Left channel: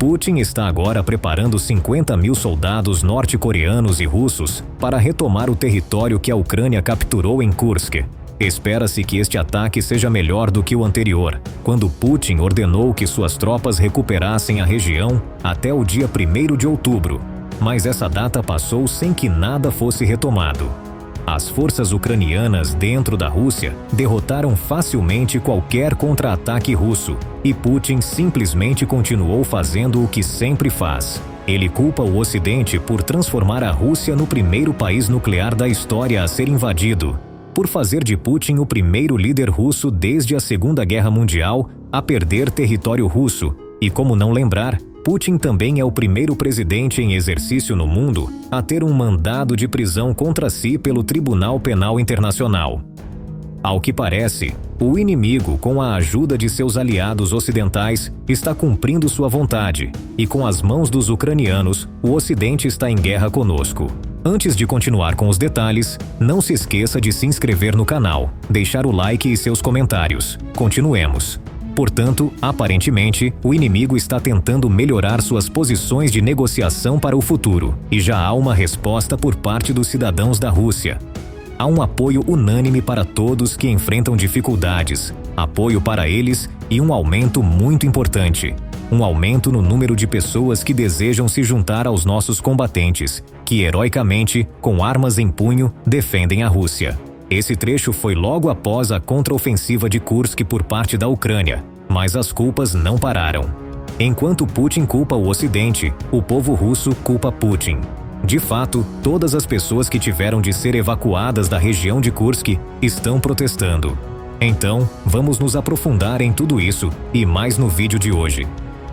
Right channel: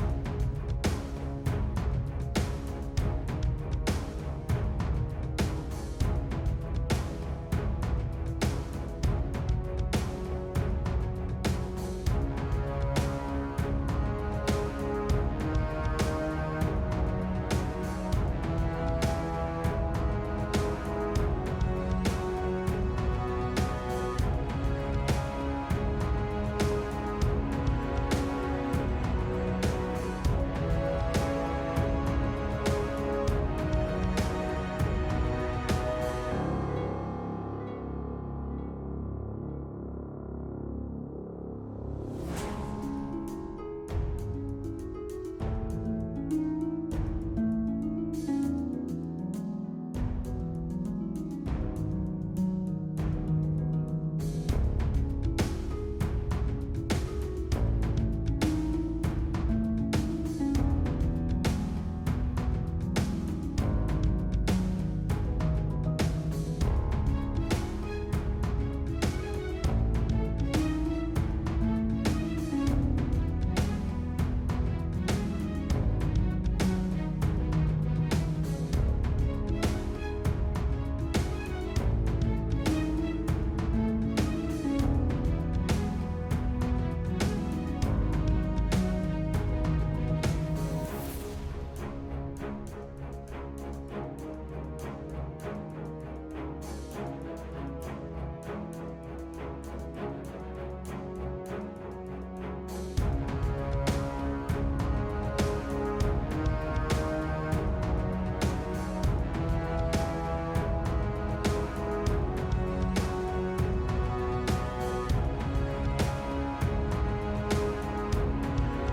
Putin está agora preparando 50 mil soldados norte-coreanos e russos para retomar o território que a Ucrânia capturou em Kursk. Espera-se que este ataque seja melhor do que o anterior, quando Putin ordenou que suas tropas recuperassem a região até o dia 1º de outubro. Mas essa data passou sem que nada fosse retomado. As forças ucranianas dentro da Rússia derrotaram facilmente qualquer contra-ataque russo, e Putin simplesmente continuou fazendo o que sempre faz. Ele culpa o Ocidente por transformar a Rússia no primeiro país nuclear da história a ser invadido, por fazer de Putin o primeiro líder russo desde a Segunda Guerra Mundial a perder território russo, e como não lembrar, Putin também é o primeiro presidente em exercício no mundo a ter um mandado de prisão contra si pelo Tribunal Penal Internacional. Ao que parece, o inimigo, com a ajuda de seus aliados ocidentais, está cumprindo sua vontade, e com as mãos dos ucranianos, o Ocidente está em guerra conosco. Antes de continuar com os detalhes, não se esqueça de se inscrever no canal, deixar o like e seus comentários. Continuemos. Portanto, aparentemente, o inimigo está tentando melhorar suas posições de negociação para o futuro, e já há uma resposta por parte dos cidadãos da Rússia. Há um apoio unânime para todos que enfrentam dificuldades, apoio para eles e um aumento muito importante, um aumento no número de pessoas que desejam se juntar aos nossos combatentes, que heroicamente, com armas em punho, defendem a Rússia. Esse trecho foi logo após a contraofensiva de Kursk por parte da Ucrânia, mas as culpas não pararam. Enquanto Putin culpa o Ocidente, o povo russo culpa Putin. De fato, todas as pessoas que tiveram de ser evacuadas da região de Kursk estão protestando. Então, vamos nos aprofundar em tudo isso e mais no vídeo de hoje.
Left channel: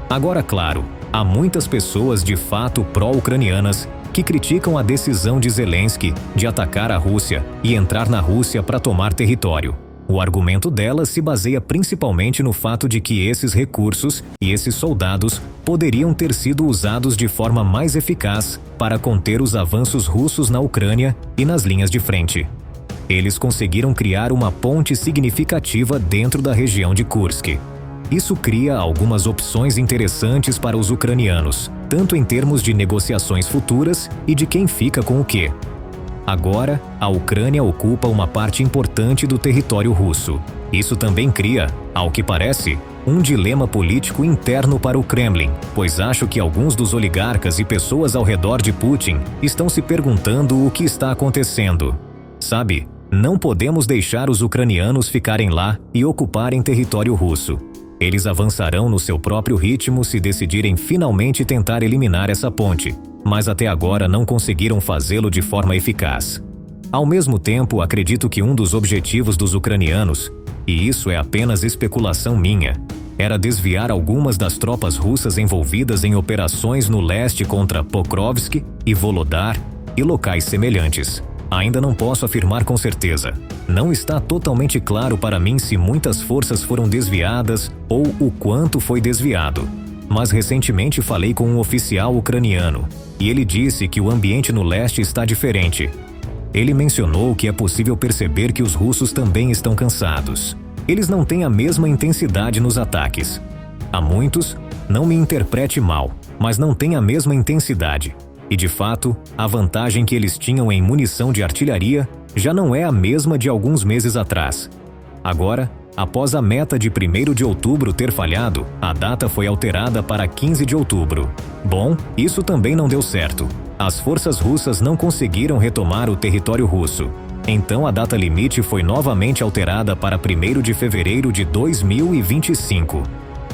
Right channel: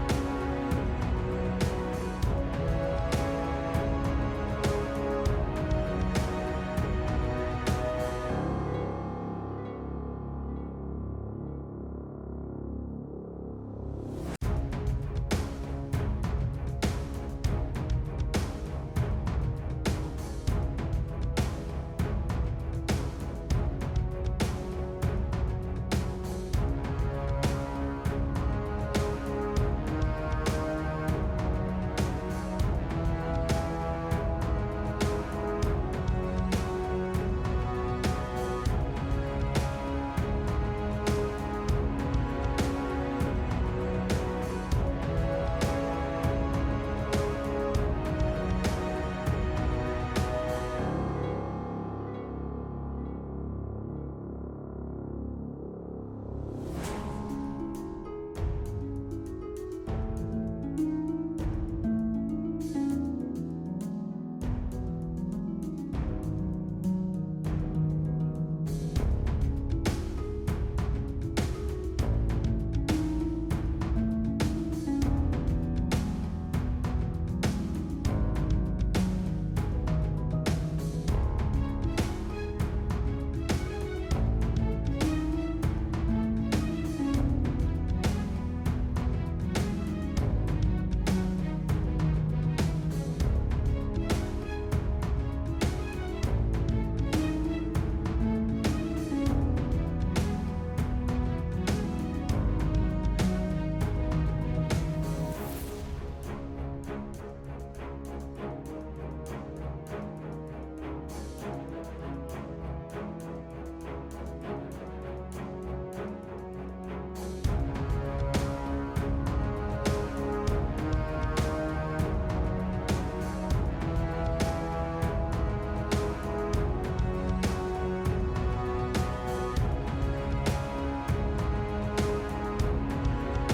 Agora, claro, há muitas pessoas de fato pró-ucranianas que criticam a decisão de Zelensky de atacar a Rússia e entrar na Rússia para tomar território. O argumento delas se baseia principalmente no fato de que esses recursos e esses soldados poderiam ter sido usados de forma mais eficaz para conter os avanços russos na Ucrânia e nas linhas de frente. Eles conseguiram criar uma ponte significativa dentro da região de Kursk. Isso cria algumas opções interessantes para os ucranianos, tanto em termos de negociações futuras e de quem fica com o quê. Agora, a Ucrânia ocupa uma parte importante do território russo. Isso também cria, ao que parece, um dilema político interno para o Kremlin, pois acho que alguns dos oligarcas e pessoas ao redor de Putin estão se perguntando o que está acontecendo. Sabe, não podemos deixar os ucranianos ficarem lá e ocuparem território russo. Eles avançarão no seu próprio ritmo se decidirem finalmente tentar eliminar essa ponte, mas até agora não conseguiram fazê-lo de forma eficaz. Ao mesmo tempo, acredito que um dos objetivos dos ucranianos, e isso é apenas especulação minha, era desviar algumas das tropas russas envolvidas em operações no leste contra Pokrovsk e Volodar e locais semelhantes. Ainda não posso afirmar com certeza. Não está totalmente claro para mim se muitas forças foram desviadas ou o quanto foi desviado. Mas recentemente falei com um oficial ucraniano e ele disse que o ambiente no leste está diferente. Ele mencionou que é possível perceber que os russos também estão cansados. Eles não têm a mesma intensidade nos ataques. Há muitos, não me interprete mal, mas não têm a mesma intensidade. E de fato, a vantagem que eles tinham em munição de artilharia já não é a mesma de alguns meses atrás. Agora, após a meta de 1º de outubro ter falhado, a data foi alterada para 15 de outubro. Bom, isso também não deu certo. As forças russas não conseguiram retomar o território russo. Então a data limite foi novamente alterada para 1º de fevereiro de 2025.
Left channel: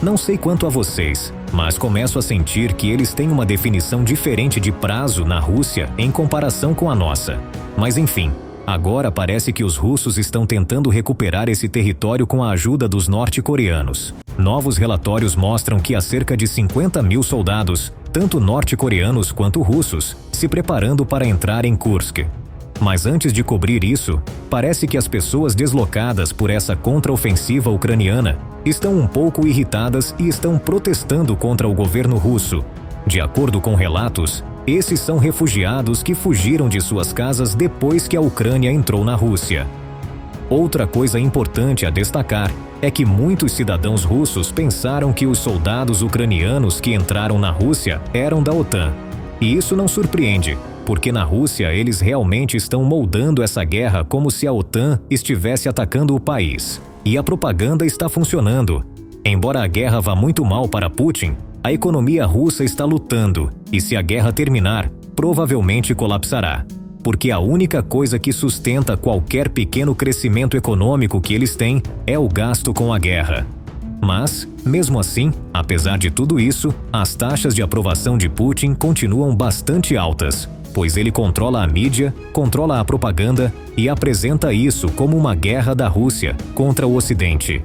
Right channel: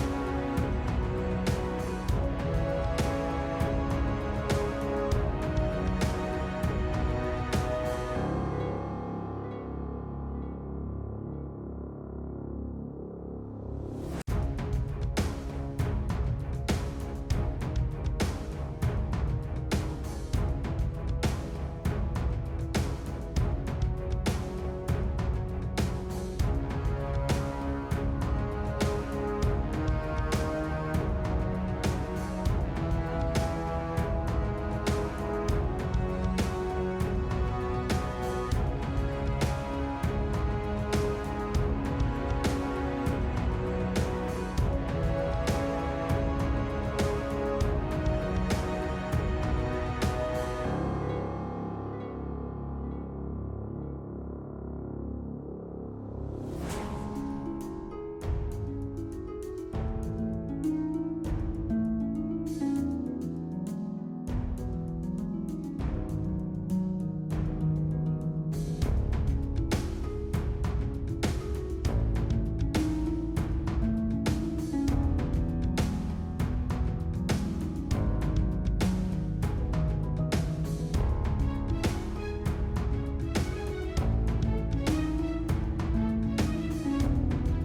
Não sei quanto a vocês, mas começo a sentir que eles têm uma definição diferente de prazo na Rússia em comparação com a nossa. Mas enfim, agora parece que os russos estão tentando recuperar esse território com a ajuda dos norte-coreanos. Novos relatórios mostram que há cerca de 50 mil soldados, tanto norte-coreanos quanto russos, se preparando para entrar em Kursk. Mas antes de cobrir isso, parece que as pessoas deslocadas por essa contraofensiva ucraniana estão um pouco irritadas e estão protestando contra o governo russo. De acordo com relatos, esses são refugiados que fugiram de suas casas depois que a Ucrânia entrou na Rússia. Outra coisa importante a destacar é que muitos cidadãos russos pensaram que os soldados ucranianos que entraram na Rússia eram da OTAN. E isso não surpreende, porque na Rússia eles realmente estão moldando essa guerra como se a OTAN estivesse atacando o país. E a propaganda está funcionando. Embora a guerra vá muito mal para Putin, a economia russa está lutando, e se a guerra terminar, provavelmente colapsará. Porque a única coisa que sustenta qualquer pequeno crescimento econômico que eles têm é o gasto com a guerra. Mas, mesmo assim, apesar de tudo isso, as taxas de aprovação de Putin continuam bastante altas, pois ele controla a mídia, controla a propaganda e apresenta isso como uma guerra da Rússia contra o Ocidente.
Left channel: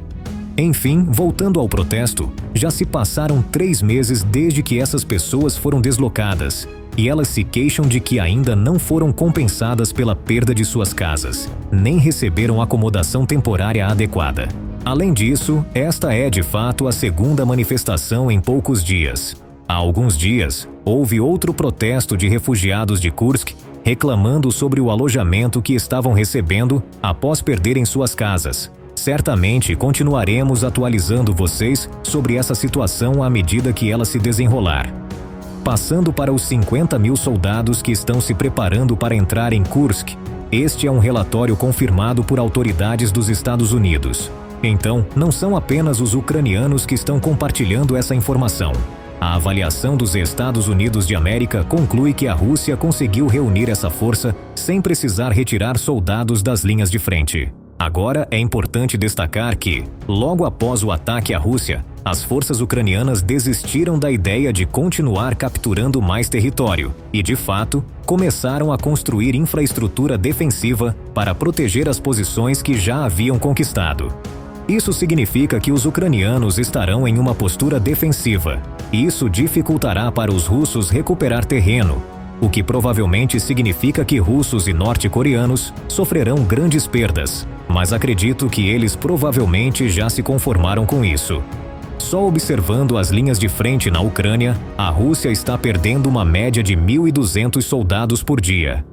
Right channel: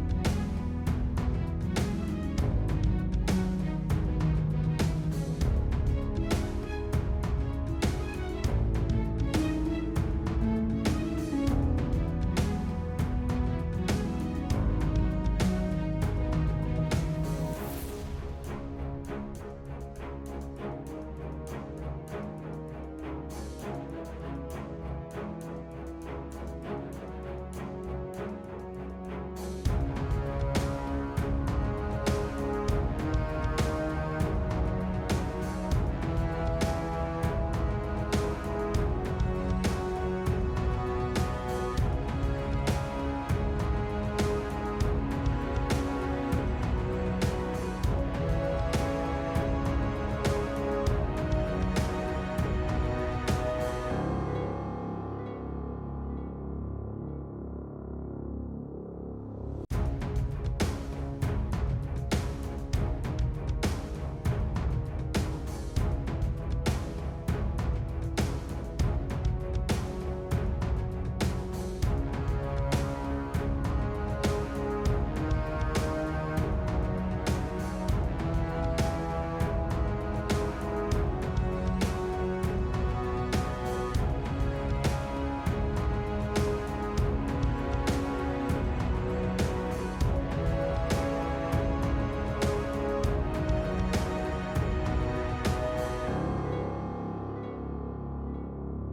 Enfim, voltando ao protesto, já se passaram 3 meses desde que essas pessoas foram deslocadas, e elas se queixam de que ainda não foram compensadas pela perda de suas casas, nem receberam acomodação temporária adequada. Além disso, esta é de fato a segunda manifestação em poucos dias. Há alguns dias, houve outro protesto de refugiados de Kursk reclamando sobre o alojamento que estavam recebendo após perderem suas casas. Certamente continuaremos atualizando vocês sobre essa situação à medida que ela se desenrolar. Passando para os 50 mil soldados que estão se preparando para entrar em Kursk, este é um relatório confirmado por autoridades dos Estados Unidos. Então, não são apenas os ucranianos que estão compartilhando essa informação. A avaliação dos Estados Unidos de América conclui que a Rússia conseguiu reunir essa força sem precisar retirar soldados das linhas de frente. Agora, é importante destacar que, logo após o ataque à Rússia, as forças ucranianas desistiram da ideia de continuar capturando mais território e, de fato, começaram a construir infraestrutura defensiva para proteger as posições que já haviam conquistado. Isso significa que os ucranianos estarão em uma postura defensiva, e isso dificultará para os russos recuperar terreno, o que provavelmente significa que russos e norte-coreanos sofrerão grandes perdas, mas acredito que eles provavelmente já se conformaram com isso. Só observando as linhas de frente na Ucrânia, a Rússia está perdendo uma média de 1.200 soldados por dia.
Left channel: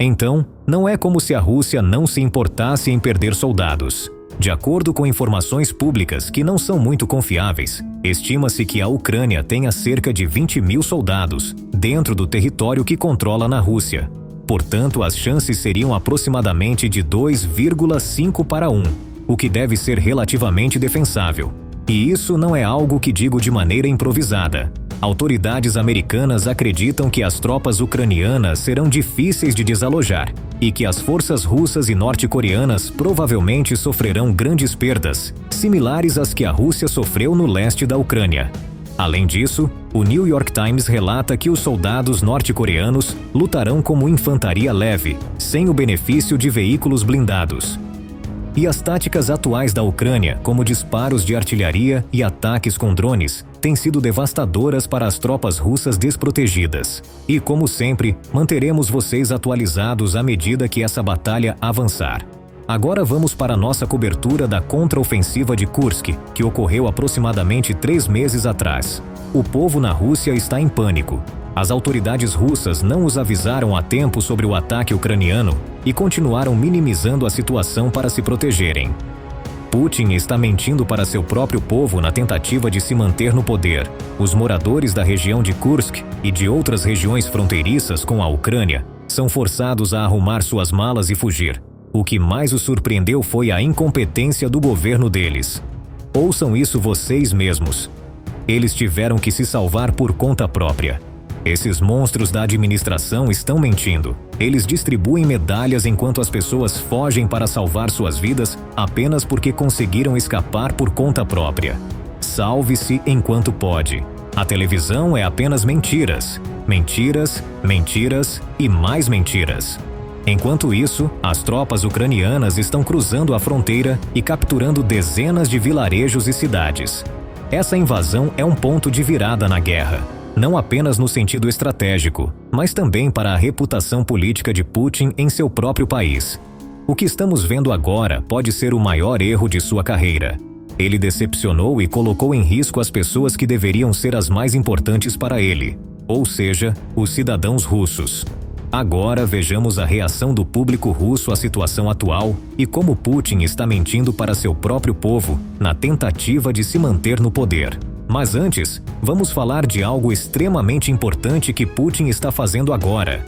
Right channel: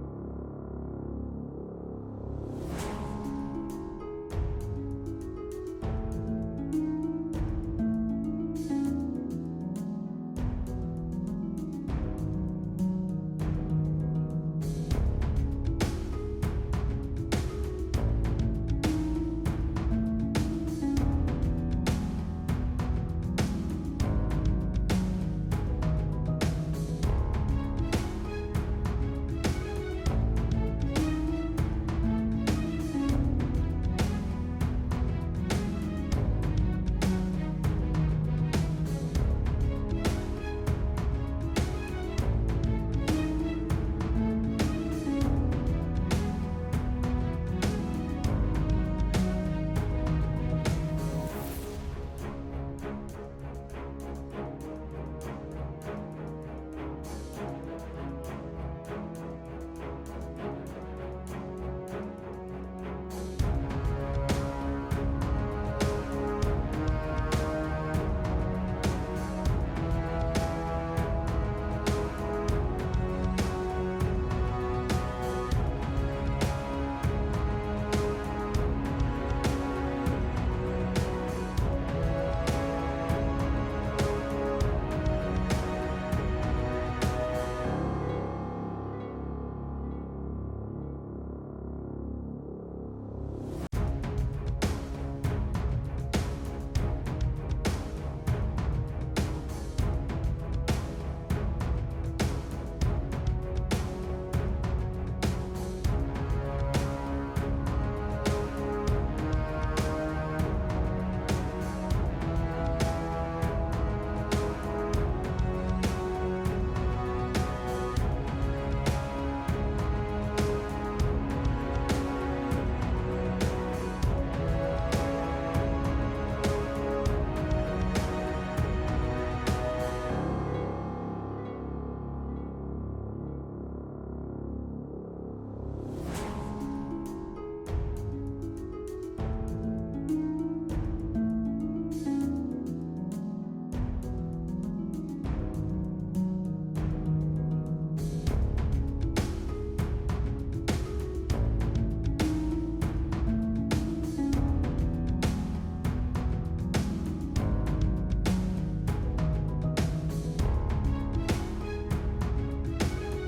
Então, não é como se a Rússia não se importasse em perder soldados. De acordo com informações públicas que não são muito confiáveis, estima-se que a Ucrânia tenha cerca de 20 mil soldados dentro do território que controla na Rússia. Portanto, as chances seriam aproximadamente de 2,5 para 1, o que deve ser relativamente defensável. E isso não é algo que digo de maneira improvisada. Autoridades americanas acreditam que as tropas ucranianas serão difíceis de desalojar e que as forças russas e norte-coreanas provavelmente sofrerão grandes perdas, similares às que a Rússia sofreu no leste da Ucrânia. Além disso, o New York Times relata que os soldados norte-coreanos lutarão como infantaria leve, sem o benefício de veículos blindados. E as táticas atuais da Ucrânia, como disparos de artilharia e ataques com drones, têm sido devastadoras para as tropas russas desprotegidas. E, como sempre, manteremos vocês atualizados à medida que essa batalha avançar. Agora vamos para a nossa cobertura da contraofensiva de Kursk, que ocorreu aproximadamente 3 meses atrás. O povo na Rússia está em pânico. As autoridades russas não os avisaram a tempo sobre o ataque ucraniano e continuaram minimizando a situação para se protegerem. Putin está mentindo para seu próprio povo na tentativa de se manter no poder. Os moradores da região de Kursk e de outras regiões fronteiriças com a Ucrânia são forçados a arrumar suas malas e fugir. O que mais os surpreendeu foi a incompetência do governo deles. Ouçam isso vocês mesmos. Eles tiveram que se salvar por conta própria. Esses monstros da administração estão mentindo. Eles distribuem medalhas enquanto as pessoas fogem para salvar suas vidas apenas porque conseguiram escapar por conta própria. Salve-se enquanto pode. A televisão é apenas mentiras. Mentiras, mentiras e mais mentiras. Enquanto isso, as tropas ucranianas estão cruzando a fronteira e capturando dezenas de vilarejos e cidades. Essa invasão é um ponto de virada na guerra. Não apenas no sentido estratégico, mas também para a reputação política de Putin em seu próprio país. O que estamos vendo agora pode ser o maior erro de sua carreira. Ele decepcionou e colocou em risco as pessoas que deveriam ser as mais importantes para ele, ou seja, os cidadãos russos. Agora vejamos a reação do público russo à situação atual e como Putin está mentindo para seu próprio povo na tentativa de se manter no poder. Mas antes, vamos falar de algo extremamente importante que Putin está fazendo agora.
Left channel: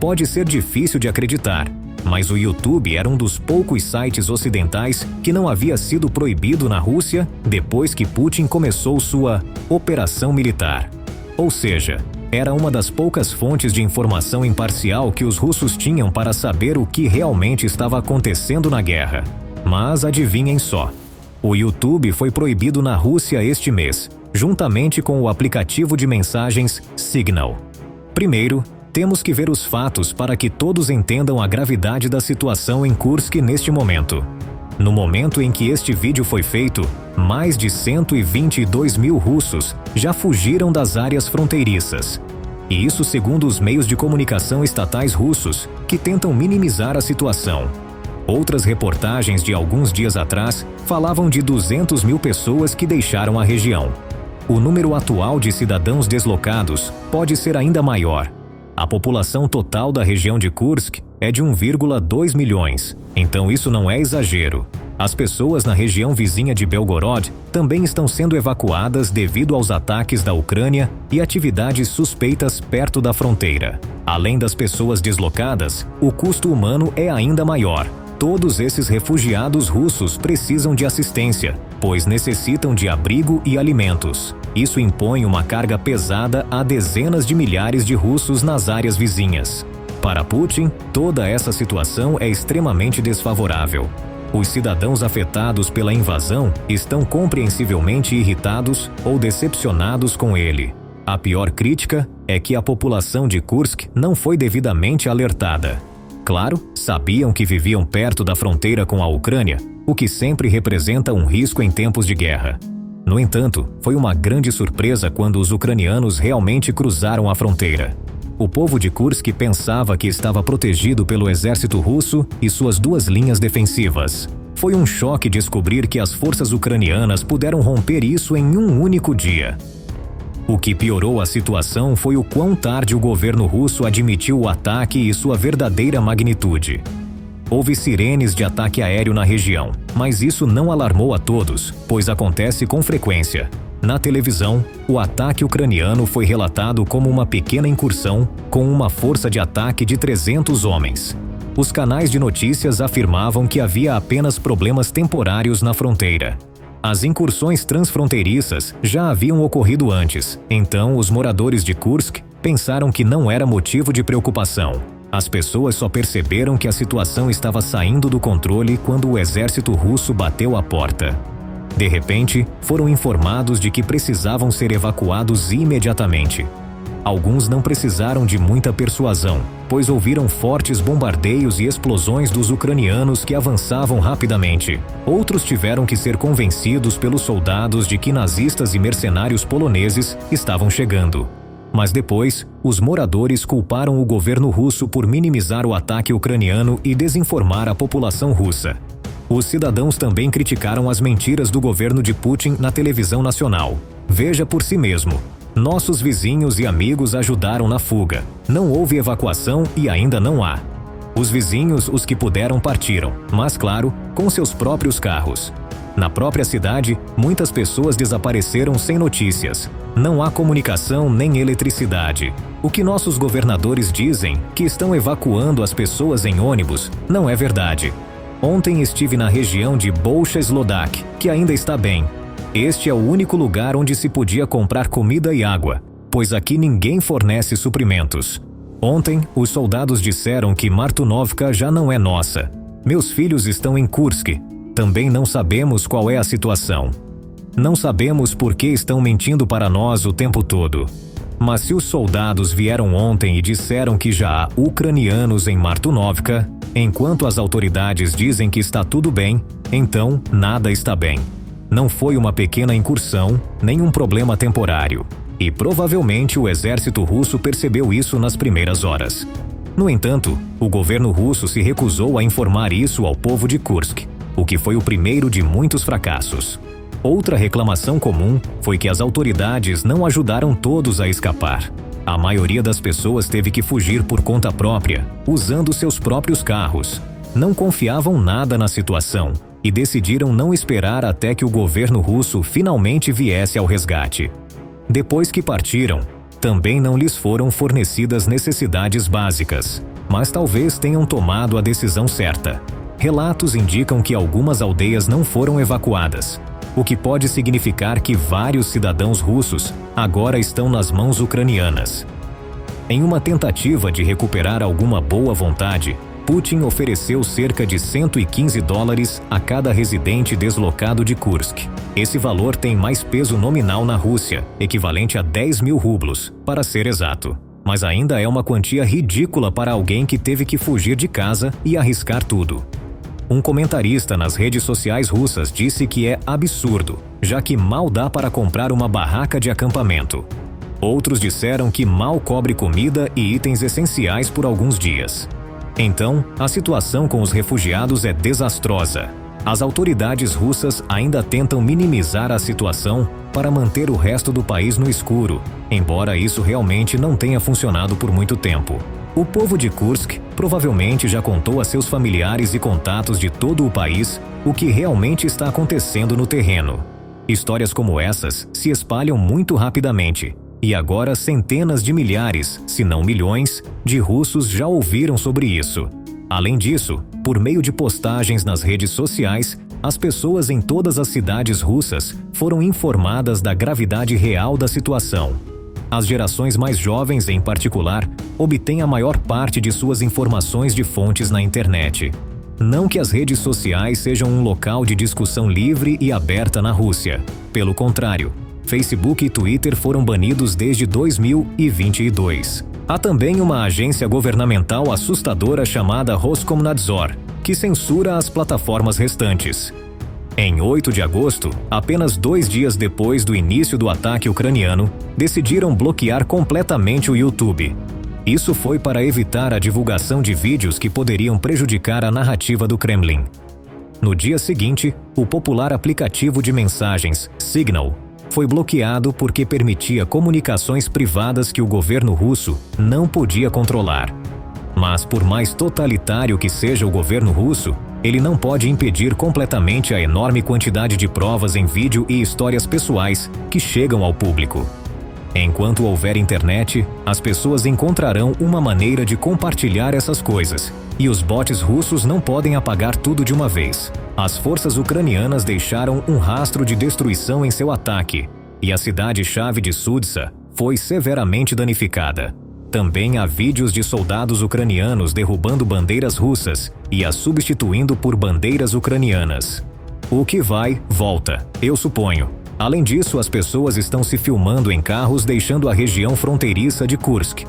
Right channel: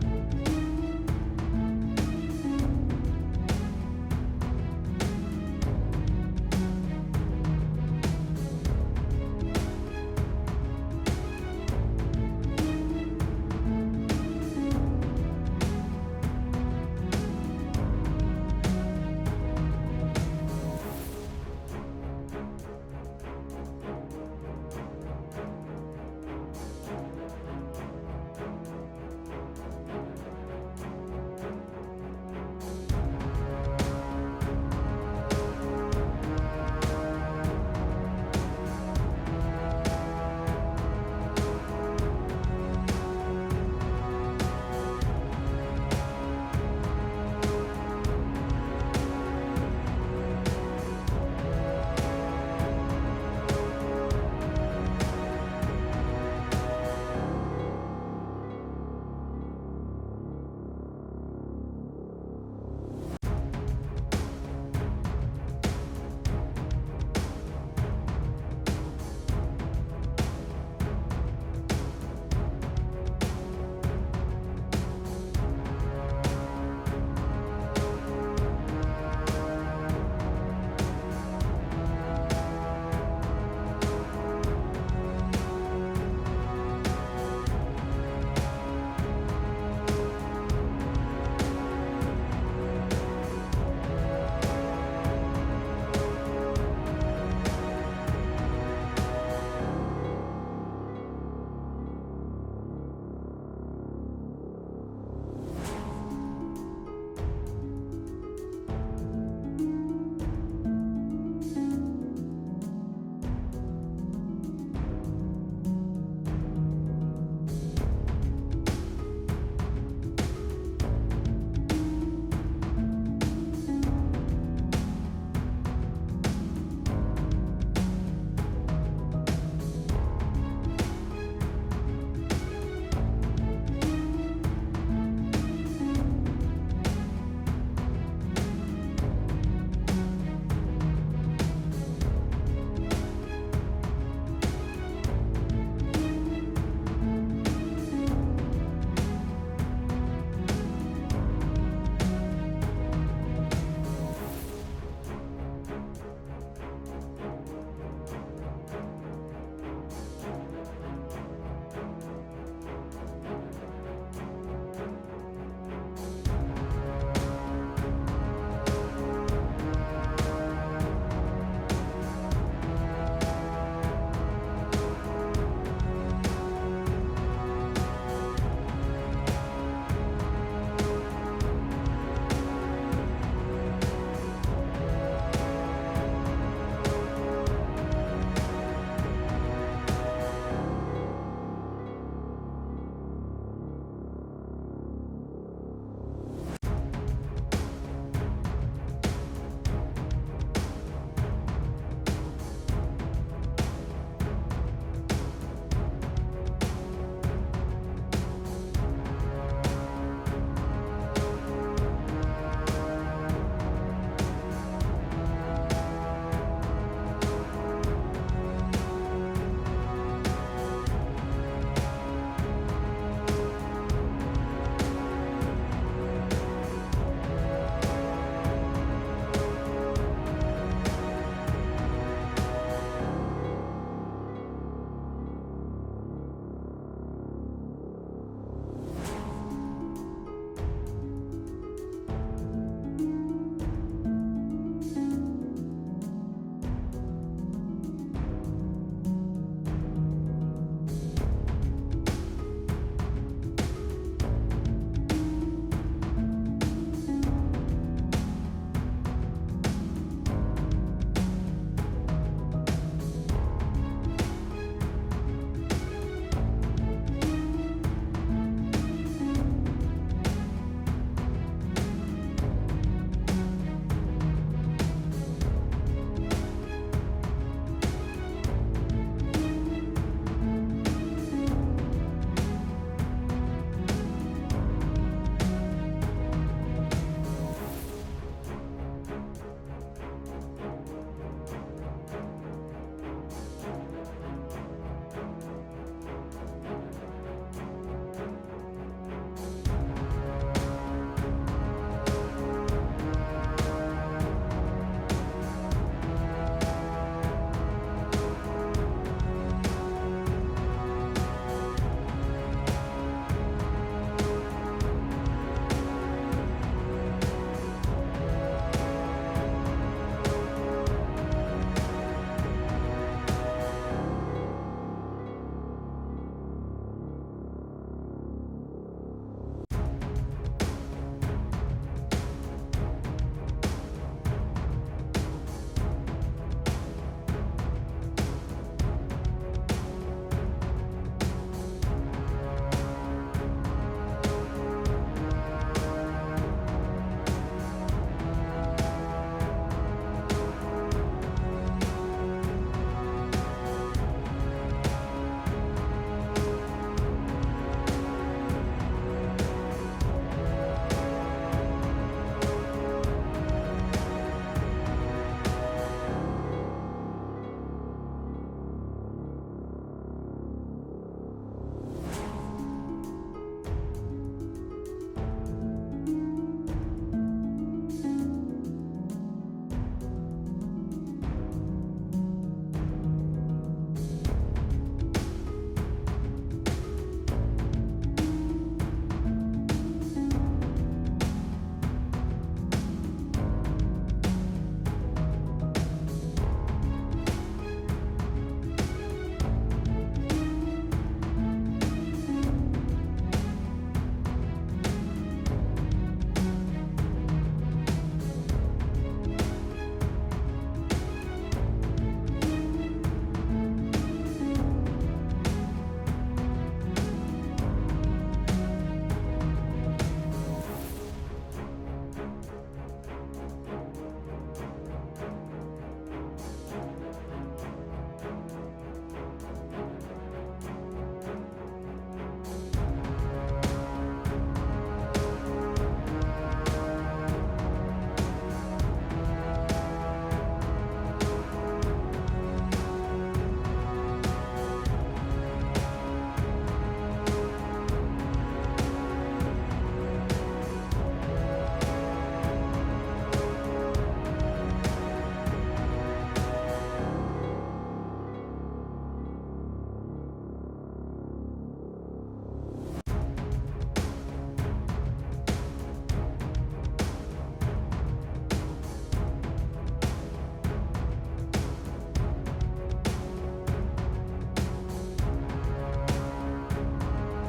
Pode ser difícil de acreditar, mas o YouTube era um dos poucos sites ocidentais que não havia sido proibido na Rússia depois que Putin começou sua operação militar. Ou seja, era uma das poucas fontes de informação imparcial que os russos tinham para saber o que realmente estava acontecendo na guerra. Mas adivinhem só, o YouTube foi proibido na Rússia este mês, juntamente com o aplicativo de mensagens Signal. Primeiro, temos que ver os fatos para que todos entendam a gravidade da situação em Kursk neste momento. No momento em que este vídeo foi feito, mais de 122 mil russos já fugiram das áreas fronteiriças. E isso segundo os meios de comunicação estatais russos, que tentam minimizar a situação. Outras reportagens de alguns dias atrás falavam de 200 mil pessoas que deixaram a região. O número atual de cidadãos deslocados pode ser ainda maior. A população total da região de Kursk é de 1,2 milhões, então isso não é exagero. As pessoas na região vizinha de Belgorod também estão sendo evacuadas devido aos ataques da Ucrânia e atividades suspeitas perto da fronteira. Além das pessoas deslocadas, o custo humano é ainda maior. Todos esses refugiados russos precisam de assistência, pois necessitam de abrigo e alimentos. Isso impõe uma carga pesada a dezenas de milhares de russos nas áreas vizinhas. Para Putin, toda essa situação é extremamente desfavorável. Os cidadãos afetados pela invasão estão compreensivelmente irritados ou decepcionados com ele. A pior crítica é que a população de Kursk não foi devidamente alertada. Claro, sabiam que viviam perto da fronteira com a Ucrânia, o que sempre representa um risco em tempos de guerra. No entanto, foi uma grande surpresa quando os ucranianos realmente cruzaram a fronteira. O povo de Kursk pensava que estava protegido pelo exército russo e suas duas linhas defensivas. Foi um choque descobrir que as forças ucranianas puderam romper isso em um único dia. O que piorou a situação foi o quão tarde o governo russo admitiu o ataque e sua verdadeira magnitude. Houve sirenes de ataque aéreo na região, mas isso não alarmou a todos, pois acontece com frequência. Na televisão, o ataque ucraniano foi relatado como uma pequena incursão com uma força de ataque de 300 homens. Os canais de notícias afirmavam que havia apenas problemas temporários na fronteira. As incursões transfronteiriças já haviam ocorrido antes, então os moradores de Kursk pensaram que não era motivo de preocupação. As pessoas só perceberam que a situação estava saindo do controle quando o exército russo bateu à porta. De repente, foram informados de que precisavam ser evacuados imediatamente. Alguns não precisaram de muita persuasão, pois ouviram fortes bombardeios e explosões dos ucranianos que avançavam rapidamente. Outros tiveram que ser convencidos pelos soldados de que nazistas e mercenários poloneses estavam chegando. Mas depois, os moradores culparam o governo russo por minimizar o ataque ucraniano e desinformar a população russa. Os cidadãos também criticaram as mentiras do governo de Putin na televisão nacional. Veja por si mesmo. Nossos vizinhos e amigos ajudaram na fuga. Não houve evacuação e ainda não há. Os vizinhos, os que puderam, partiram, mas claro, com seus próprios carros. Na própria cidade, muitas pessoas desapareceram sem notícias. Não há comunicação nem eletricidade. O que nossos governadores dizem, que estão evacuando as pessoas em ônibus, não é verdade. Ontem estive na região de Bolsha Slodak, que ainda está bem. Este é o único lugar onde se podia comprar comida e água, pois aqui ninguém fornece suprimentos. Ontem, os soldados disseram que Martunovka já não é nossa. Meus filhos estão em Kursk. Também não sabemos qual é a situação. Não sabemos por que estão mentindo para nós o tempo todo. Mas se os soldados vieram ontem e disseram que já há ucranianos em Martunovka, enquanto as autoridades dizem que está tudo bem, então nada está bem. Não foi uma pequena incursão, nem um problema temporário. E provavelmente o exército russo percebeu isso nas primeiras horas. No entanto, o governo russo se recusou a informar isso ao povo de Kursk, o que foi o primeiro de muitos fracassos. Outra reclamação comum foi que as autoridades não ajudaram todos a escapar. A maioria das pessoas teve que fugir por conta própria, usando seus próprios carros. Não confiavam nada na situação e decidiram não esperar até que o governo russo finalmente viesse ao resgate. Depois que partiram, também não lhes foram fornecidas necessidades básicas, mas talvez tenham tomado a decisão certa. Relatos indicam que algumas aldeias não foram evacuadas, o que pode significar que vários cidadãos russos agora estão nas mãos ucranianas. Em uma tentativa de recuperar alguma boa vontade, Putin ofereceu cerca de $115 a cada residente deslocado de Kursk. Esse valor tem mais peso nominal na Rússia, equivalente a 10 mil rublos, para ser exato. Mas ainda é uma quantia ridícula para alguém que teve que fugir de casa e arriscar tudo. Um comentarista nas redes sociais russas disse que é absurdo, já que mal dá para comprar uma barraca de acampamento. Outros disseram que mal cobre comida e itens essenciais por alguns dias. Então, a situação com os refugiados é desastrosa. As autoridades russas ainda tentam minimizar a situação para manter o resto do país no escuro, embora isso realmente não tenha funcionado por muito tempo. O povo de Kursk provavelmente já contou a seus familiares e contatos de todo o país o que realmente está acontecendo no terreno. Histórias como essas se espalham muito rapidamente. E agora centenas de milhares, se não milhões, de russos já ouviram sobre isso. Além disso, por meio de postagens nas redes sociais, as pessoas em todas as cidades russas foram informadas da gravidade real da situação. As gerações mais jovens, em particular, obtêm a maior parte de suas informações de fontes na internet. Não que as redes sociais sejam um local de discussão livre e aberta na Rússia. Pelo contrário, Facebook e Twitter foram banidos desde 2022. Há também uma agência governamental assustadora chamada Roskomnadzor, que censura as plataformas restantes. Em 8 de agosto, apenas 2 dias depois do início do ataque ucraniano, decidiram bloquear completamente o YouTube. Isso foi para evitar a divulgação de vídeos que poderiam prejudicar a narrativa do Kremlin. No dia seguinte, o popular aplicativo de mensagens Signal foi bloqueado porque permitia comunicações privadas que o governo russo não podia controlar. Mas por mais totalitário que seja o governo russo, ele não pode impedir completamente a enorme quantidade de provas em vídeo e histórias pessoais que chegam ao público. Enquanto houver internet, as pessoas encontrarão uma maneira de compartilhar essas coisas, e os bots russos não podem apagar tudo de uma vez. As forças ucranianas deixaram um rastro de destruição em seu ataque, e a cidade-chave de Sudsa foi severamente danificada. Também há vídeos de soldados ucranianos derrubando bandeiras russas e as substituindo por bandeiras ucranianas. O que vai, volta, eu suponho. Além disso, as pessoas estão se filmando em carros deixando a região fronteiriça de Kursk.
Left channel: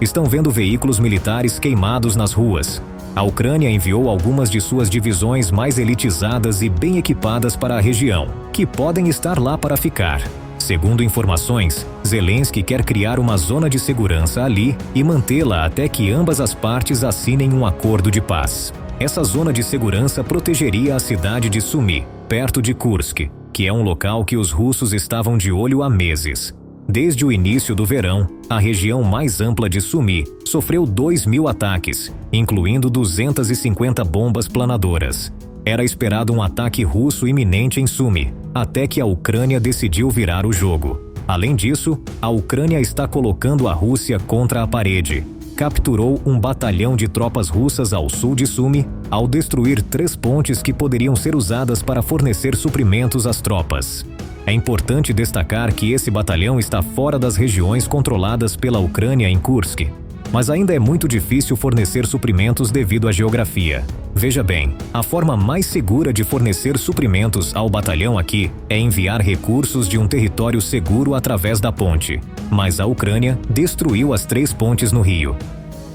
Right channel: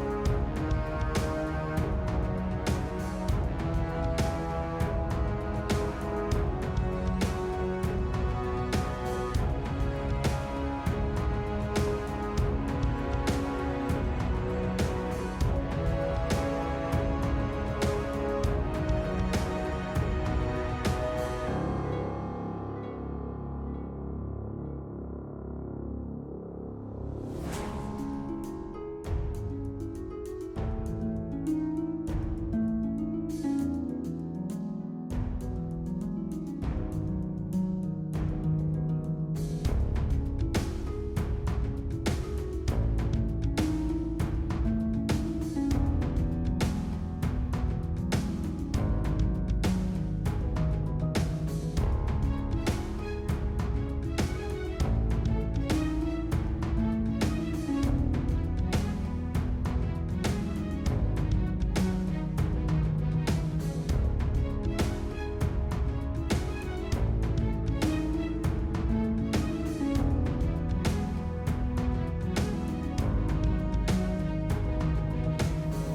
Estão vendo veículos militares queimados nas ruas. A Ucrânia enviou algumas de suas divisões mais elitizadas e bem equipadas para a região, que podem estar lá para ficar. Segundo informações, Zelensky quer criar uma zona de segurança ali e mantê-la até que ambas as partes assinem um acordo de paz. Essa zona de segurança protegeria a cidade de Sumy, perto de Kursk, que é um local que os russos estavam de olho há meses. Desde o início do verão, a região mais ampla de Sumy sofreu 2.000 ataques, incluindo 250 bombas planadoras. Era esperado um ataque russo iminente em Sumy, até que a Ucrânia decidiu virar o jogo. Além disso, a Ucrânia está colocando a Rússia contra a parede. Capturou um batalhão de tropas russas ao sul de Sumy, ao destruir 3 pontes que poderiam ser usadas para fornecer suprimentos às tropas. É importante destacar que esse batalhão está fora das regiões controladas pela Ucrânia em Kursk, mas ainda é muito difícil fornecer suprimentos devido à geografia. Veja bem, a forma mais segura de fornecer suprimentos ao batalhão aqui é enviar recursos de um território seguro através da ponte, mas a Ucrânia destruiu as 3 pontes no rio.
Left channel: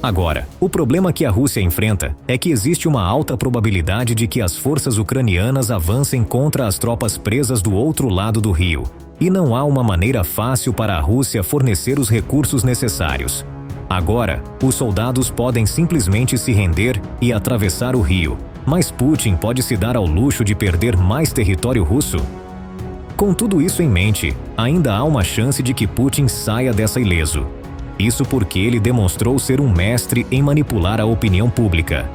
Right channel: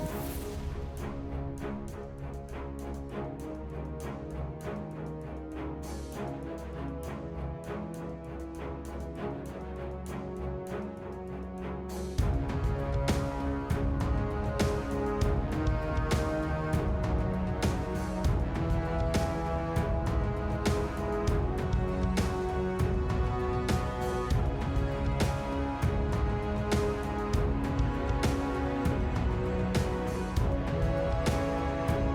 Agora, o problema que a Rússia enfrenta é que existe uma alta probabilidade de que as forças ucranianas avancem contra as tropas presas do outro lado do rio, e não há uma maneira fácil para a Rússia fornecer os recursos necessários. Agora, os soldados podem simplesmente se render e atravessar o rio, mas Putin pode se dar ao luxo de perder mais território russo? Com tudo isso em mente, ainda há uma chance de que Putin saia dessa ileso. Isso porque ele demonstrou ser um mestre em manipular a opinião pública.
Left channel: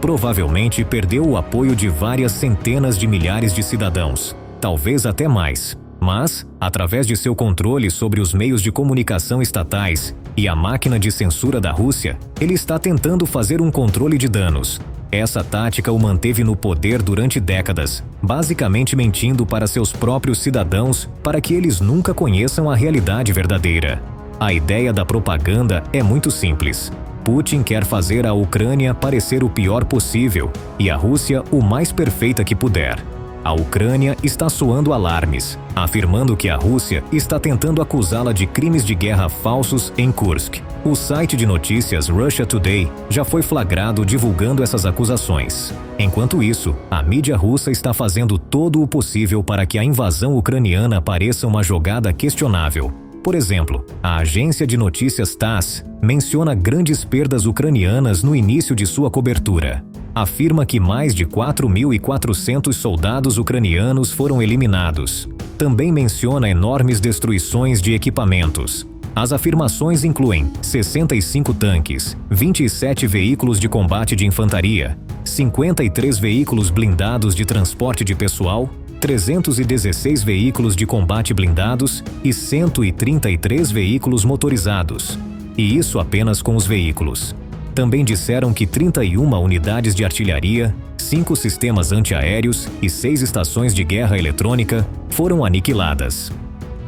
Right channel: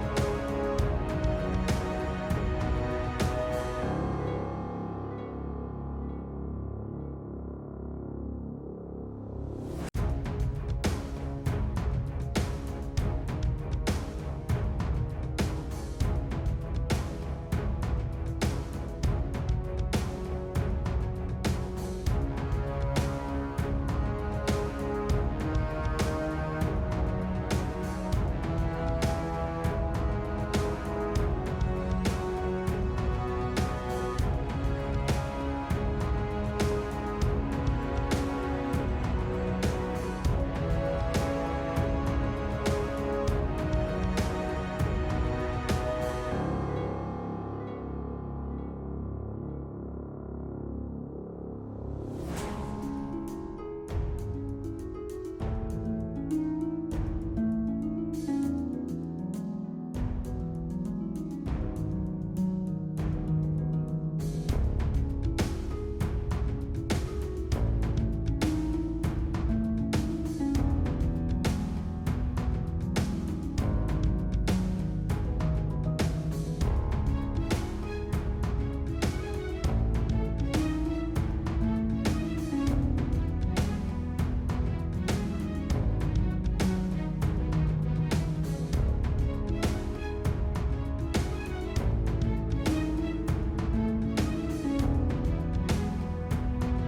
Provavelmente perdeu o apoio de várias centenas de milhares de cidadãos, talvez até mais. Mas, através de seu controle sobre os meios de comunicação estatais e a máquina de censura da Rússia, ele está tentando fazer um controle de danos. Essa tática o manteve no poder durante décadas, basicamente mentindo para seus próprios cidadãos para que eles nunca conheçam a realidade verdadeira. A ideia da propaganda é muito simples. Putin quer fazer a Ucrânia parecer o pior possível e a Rússia o mais perfeita que puder. A Ucrânia está soando alarmes, afirmando que a Rússia está tentando acusá-la de crimes de guerra falsos em Kursk. O site de notícias Russia Today já foi flagrado divulgando essas acusações. Enquanto isso, a mídia russa está fazendo todo o possível para que a invasão ucraniana pareça uma jogada questionável. Por exemplo, a agência de notícias TASS menciona grandes perdas ucranianas no início de sua cobertura. Afirma que mais de 4.400 soldados ucranianos foram eliminados. Também menciona enormes destruições de equipamentos. As afirmações incluem 65 tanques, 27 veículos de combate de infantaria, 53 veículos blindados de transporte de pessoal, 316 veículos de combate blindados e 133 veículos motorizados. E isso apenas com os veículos. Também disseram que 31 unidades de artilharia, 5 sistemas antiaéreos e 6 estações de guerra eletrônica foram aniquiladas.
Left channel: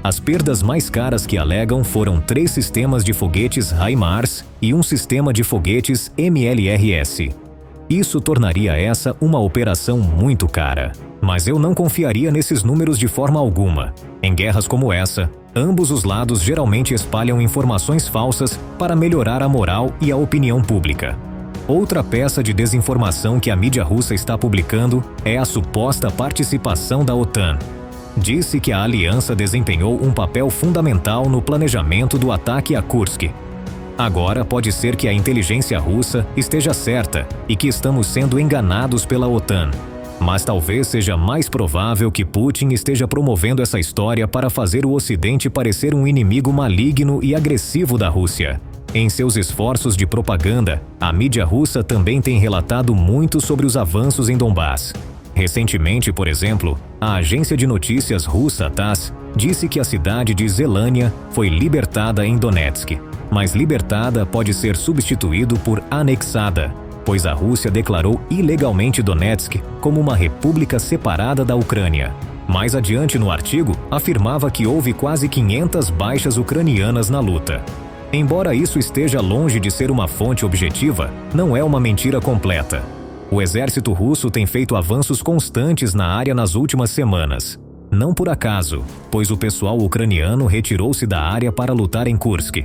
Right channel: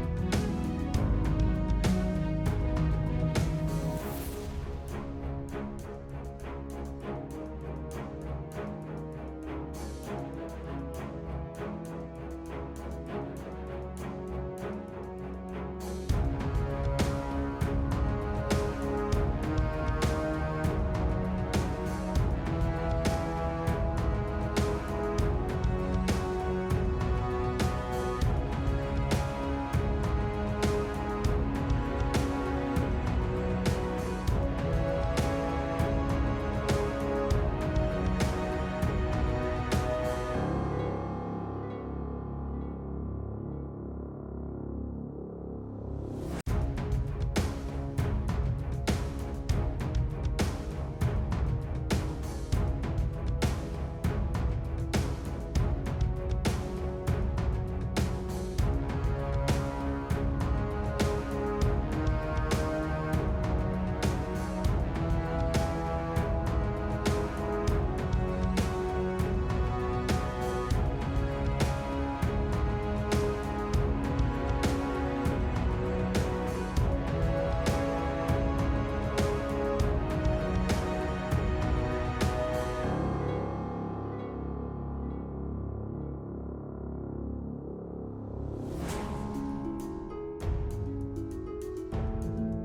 As perdas mais caras que alegam foram 3 sistemas de foguetes HIMARS e um sistema de foguetes MLRS. Isso tornaria essa uma operação muito cara. Mas eu não confiaria nesses números de forma alguma. Em guerras como essa, ambos os lados geralmente espalham informações falsas para melhorar a moral e a opinião pública. Outra peça de desinformação que a mídia russa está publicando é a suposta participação da OTAN. Disse que a aliança desempenhou um papel fundamental no planejamento do ataque a Kursk. Agora pode ser que a inteligência russa esteja certa e que estamos sendo enganados pela OTAN. Mas talvez seja mais provável que Putin esteja promovendo essa história para fazer o Ocidente parecer um inimigo maligno e agressivo da Rússia. Em seus esforços de propaganda, a mídia russa também tem relatado muito sobre os avanços em Donbás. Recentemente, por exemplo, a agência de notícias russa TASS disse que a cidade de Zelânia foi libertada em Donetsk. Mas libertada pode ser substituído por anexada, pois a Rússia declarou ilegalmente Donetsk como uma república separada da Ucrânia. Mais adiante no artigo, afirmava que houve quase 500 baixas ucranianas na luta. Embora isso esteja longe de ser uma fonte objetiva, não é uma mentira completa. O exército russo tem feito avanços constantes na área nas últimas semanas. Não por acaso, pois o pessoal ucraniano retirou-se da área para lutar em Kursk.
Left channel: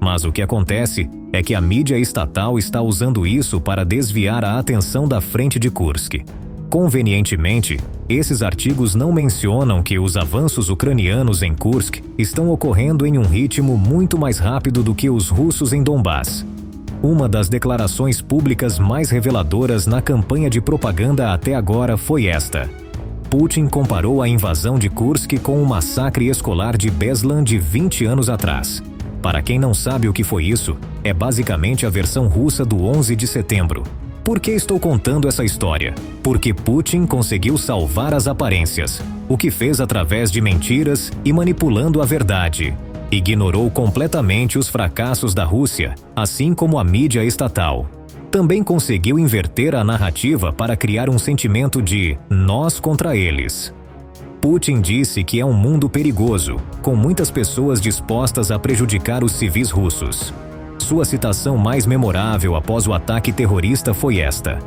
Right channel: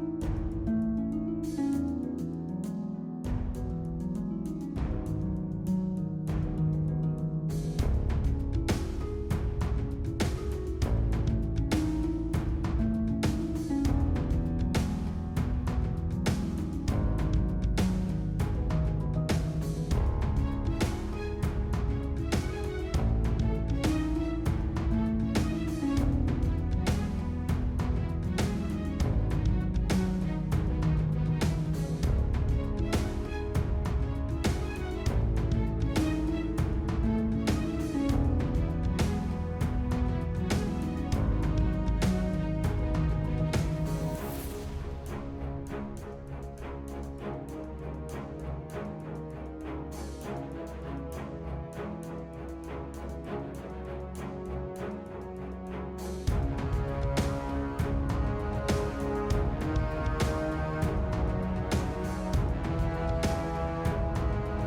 Mas o que acontece é que a mídia estatal está usando isso para desviar a atenção da frente de Kursk. Convenientemente, esses artigos não mencionam que os avanços ucranianos em Kursk estão ocorrendo em um ritmo muito mais rápido do que os russos em Donbás. Uma das declarações públicas mais reveladoras na campanha de propaganda até agora foi esta. Putin comparou a invasão de Kursk com o massacre escolar de Beslan de 20 anos atrás. Para quem não sabe o que foi isso, é basicamente a versão russa do 11 de setembro. Por que estou contando essa história? Porque Putin conseguiu salvar as aparências, o que fez através de mentiras e manipulando a verdade. Ignorou completamente os fracassos da Rússia, assim como a mídia estatal. Também conseguiu inverter a narrativa para criar um sentimento de nós contra eles. Putin disse que é um mundo perigoso, com muitas pessoas dispostas a prejudicar os civis russos. Sua citação mais memorável após o ataque terrorista foi esta:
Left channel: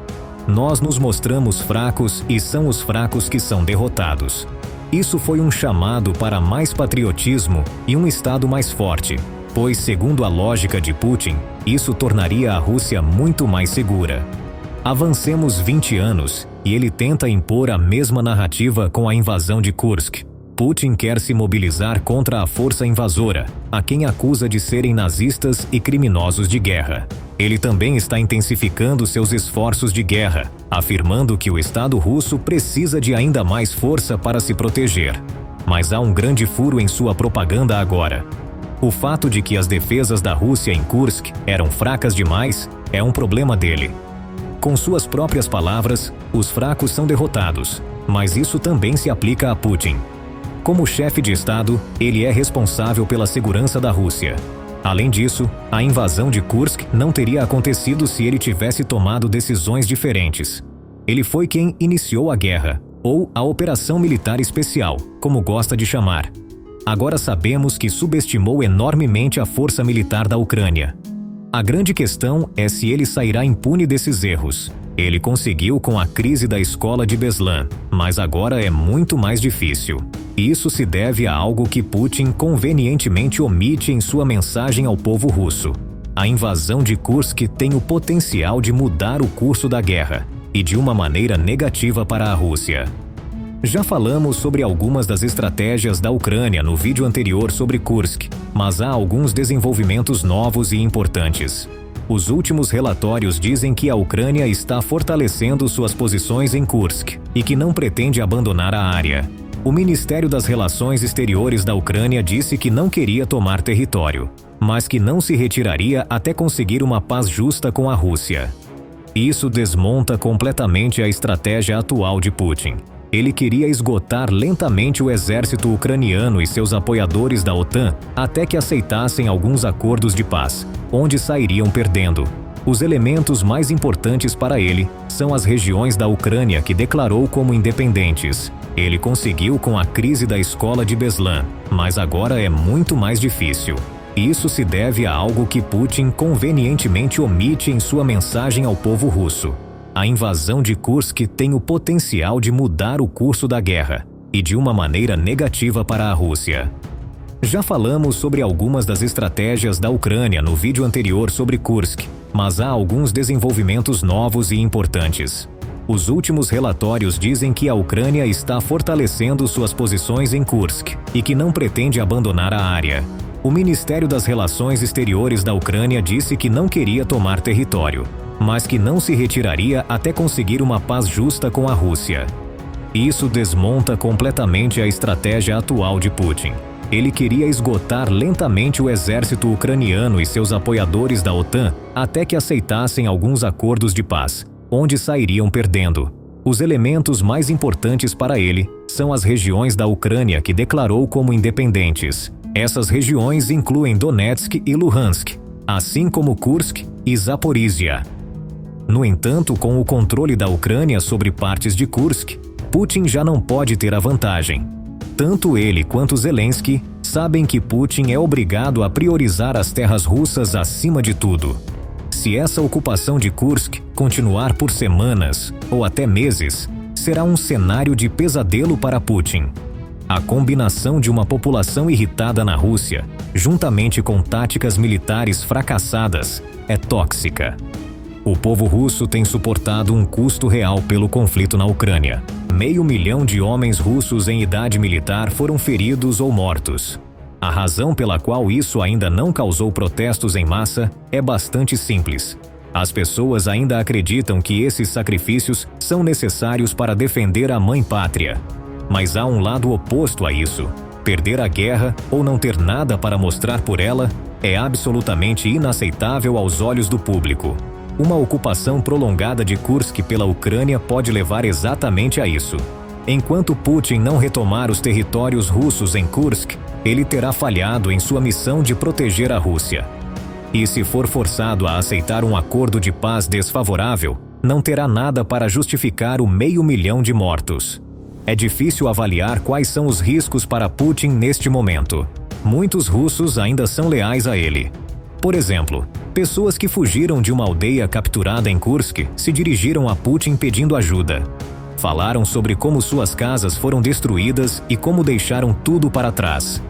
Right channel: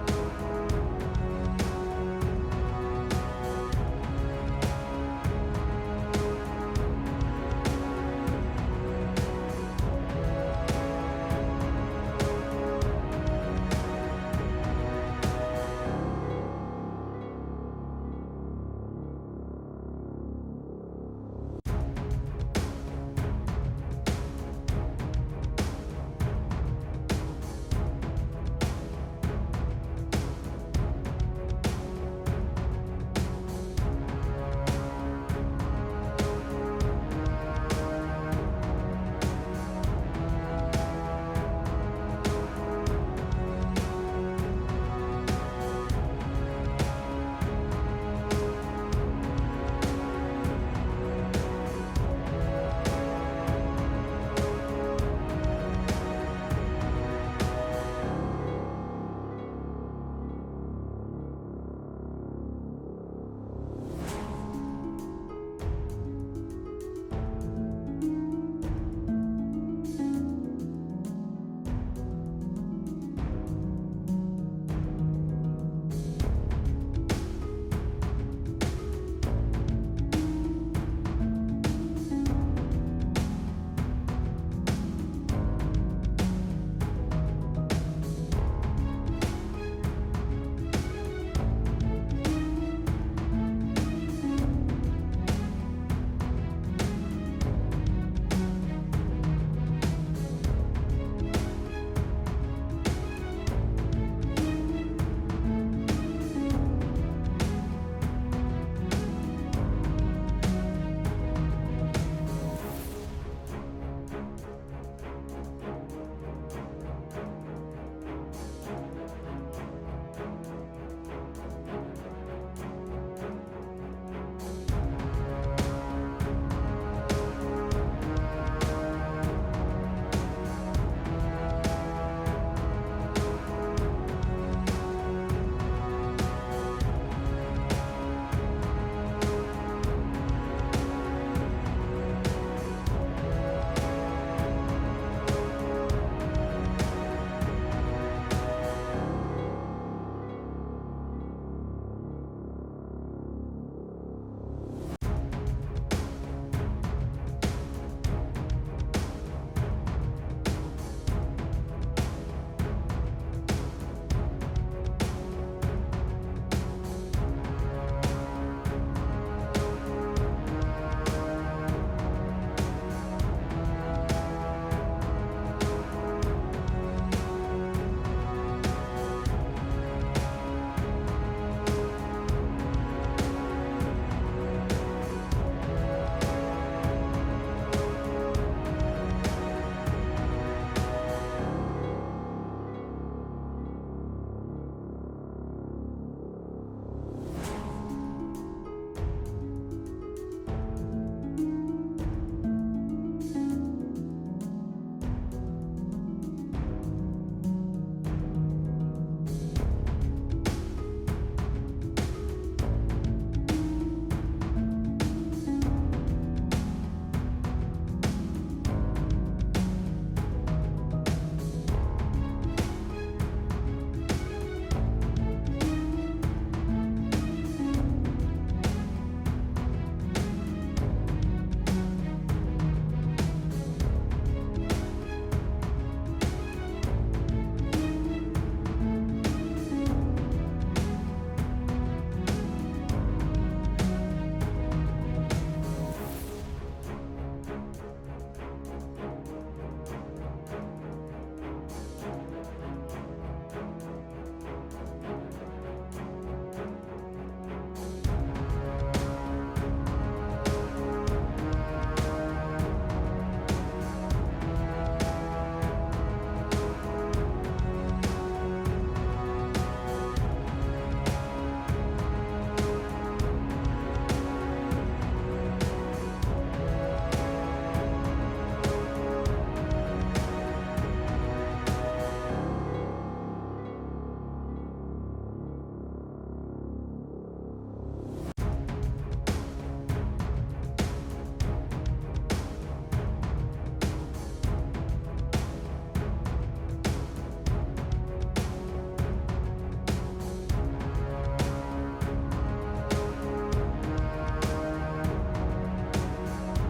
"Nós nos mostramos fracos e são os fracos que são derrotados." Isso foi um chamado para mais patriotismo e um Estado mais forte, pois, segundo a lógica de Putin, isso tornaria a Rússia muito mais segura. Avancemos 20 anos e ele tenta impor a mesma narrativa com a invasão de Kursk. Putin quer se mobilizar contra a força invasora, a quem acusa de serem nazistas e criminosos de guerra. Ele também está intensificando seus esforços de guerra, afirmando que o Estado russo precisa de ainda mais força para se proteger. Mas há um grande furo em sua propaganda agora. O fato de que as defesas da Rússia em Kursk eram fracas demais é um problema dele. Com suas próprias palavras, os fracos são derrotados, mas isso também se aplica a Putin. Como chefe de Estado, ele é responsável pela segurança da Rússia. Além disso, a invasão de Kursk não teria acontecido se ele tivesse tomado decisões diferentes. Ele foi quem iniciou a guerra, ou a Operação Militar Especial, como gosta de chamar. Agora sabemos que subestimou enormemente a força militar da Ucrânia. A grande questão é se ele sairá impune desses erros. Ele conseguiu com a crise da escola de Beslan, mas agora é muito mais difícil. Isso se deve a algo que Putin convenientemente omite em sua mensagem ao povo russo. A invasão de Kursk tem o potencial de mudar o curso da guerra, e de uma maneira negativa para a Rússia. Já falamos sobre algumas das estratégias da Ucrânia no vídeo anterior sobre Kursk, mas há alguns desenvolvimentos novos e importantes. Os últimos relatórios dizem que a Ucrânia está fortalecendo suas posições em Kursk e que não pretende abandonar a área. O Ministério das Relações Exteriores da Ucrânia disse que não queria tomar território, mas que não se retiraria até conseguir uma paz justa com a Rússia. Isso desmonta completamente a estratégia atual de Putin. Ele queria esgotar lentamente o exército ucraniano e seus apoiadores da OTAN até que aceitassem alguns acordos de paz, onde sairiam perdendo. Os elementos mais importantes para ele são as regiões da Ucrânia que declarou como independentes. Ele conseguiu com a crise da escola de Beslan, mas agora é muito mais difícil. Isso se deve a algo que Putin convenientemente omite em sua mensagem ao povo russo. A invasão de Kursk tem o potencial de mudar o curso da guerra, e de uma maneira negativa para a Rússia. Já falamos sobre algumas das estratégias da Ucrânia no vídeo anterior sobre Kursk, mas há alguns desenvolvimentos novos e importantes. Os últimos relatórios dizem que a Ucrânia está fortalecendo suas posições em Kursk e que não pretende abandonar a área. O Ministério das Relações Exteriores da Ucrânia disse que não queria tomar território, mas que não se retiraria até conseguir uma paz justa com a Rússia. Isso desmonta completamente a estratégia atual de Putin. Ele queria esgotar lentamente o exército ucraniano e seus apoiadores da OTAN até que aceitassem alguns acordos de paz, onde sairiam perdendo. Os elementos mais importantes para ele são as regiões da Ucrânia que declarou como independentes. Essas regiões incluem Donetsk e Luhansk, assim como Kursk e Zaporizhia. No entanto, com o controle da Ucrânia sobre partes de Kursk, Putin já não pode ter a vantagem. Tanto ele quanto Zelensky sabem que Putin é obrigado a priorizar as terras russas acima de tudo. Se essa ocupação de Kursk continuar por semanas ou até meses, será um cenário de pesadelo para Putin. A combinação de uma população irritada na Rússia, juntamente com táticas militares fracassadas, é tóxica. O povo russo tem suportado um custo real pelo conflito na Ucrânia. 500 mil de homens russos em idade militar foram feridos ou mortos. A razão pela qual isso ainda não causou protestos em massa é bastante simples. As pessoas ainda acreditam que esses sacrifícios são necessários para defender a mãe pátria. Mas há um lado oposto a isso. Perder a guerra ou não ter nada para mostrar por ela é absolutamente inaceitável aos olhos do público. Uma ocupação prolongada de Kursk pela Ucrânia pode levar exatamente a isso. Enquanto Putin não retomar os territórios russos em Kursk, ele terá falhado em sua missão de proteger a Rússia. E se for forçado a aceitar um acordo de paz desfavorável, não terá nada para justificar o 500 mil de mortos. É difícil avaliar quais são os riscos para Putin neste momento. Muitos russos ainda são leais a ele. Por exemplo, pessoas que fugiram de uma aldeia capturada em Kursk se dirigiram a Putin pedindo ajuda. Falaram sobre como suas casas foram destruídas e como deixaram tudo para trás.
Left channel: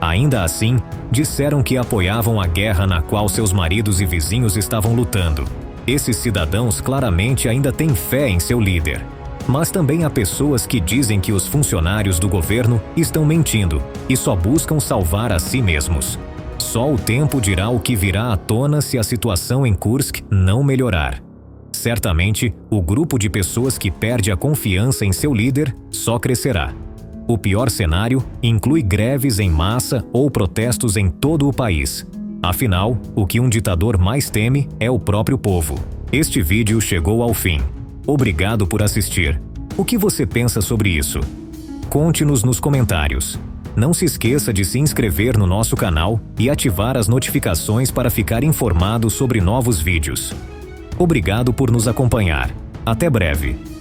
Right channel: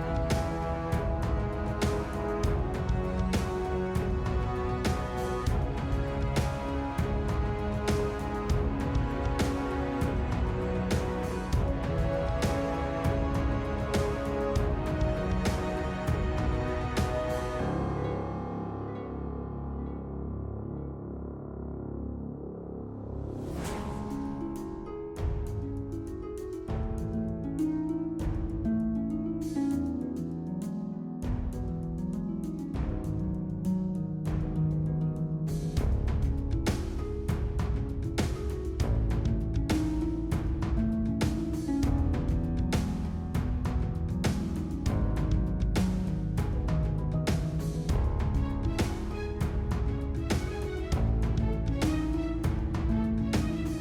Ainda assim, disseram que apoiavam a guerra na qual seus maridos e vizinhos estavam lutando. Esses cidadãos claramente ainda têm fé em seu líder. Mas também há pessoas que dizem que os funcionários do governo estão mentindo e só buscam salvar a si mesmos. Só o tempo dirá o que virá à tona se a situação em Kursk não melhorar. Certamente, o grupo de pessoas que perde a confiança em seu líder só crescerá. O pior cenário inclui greves em massa ou protestos em todo o país. Afinal, o que um ditador mais teme é o próprio povo. Este vídeo chegou ao fim. Obrigado por assistir. O que você pensa sobre isso? Conte-nos nos comentários. Não se esqueça de se inscrever no nosso canal e ativar as notificações para ficar informado sobre novos vídeos. Obrigado por nos acompanhar. Até breve.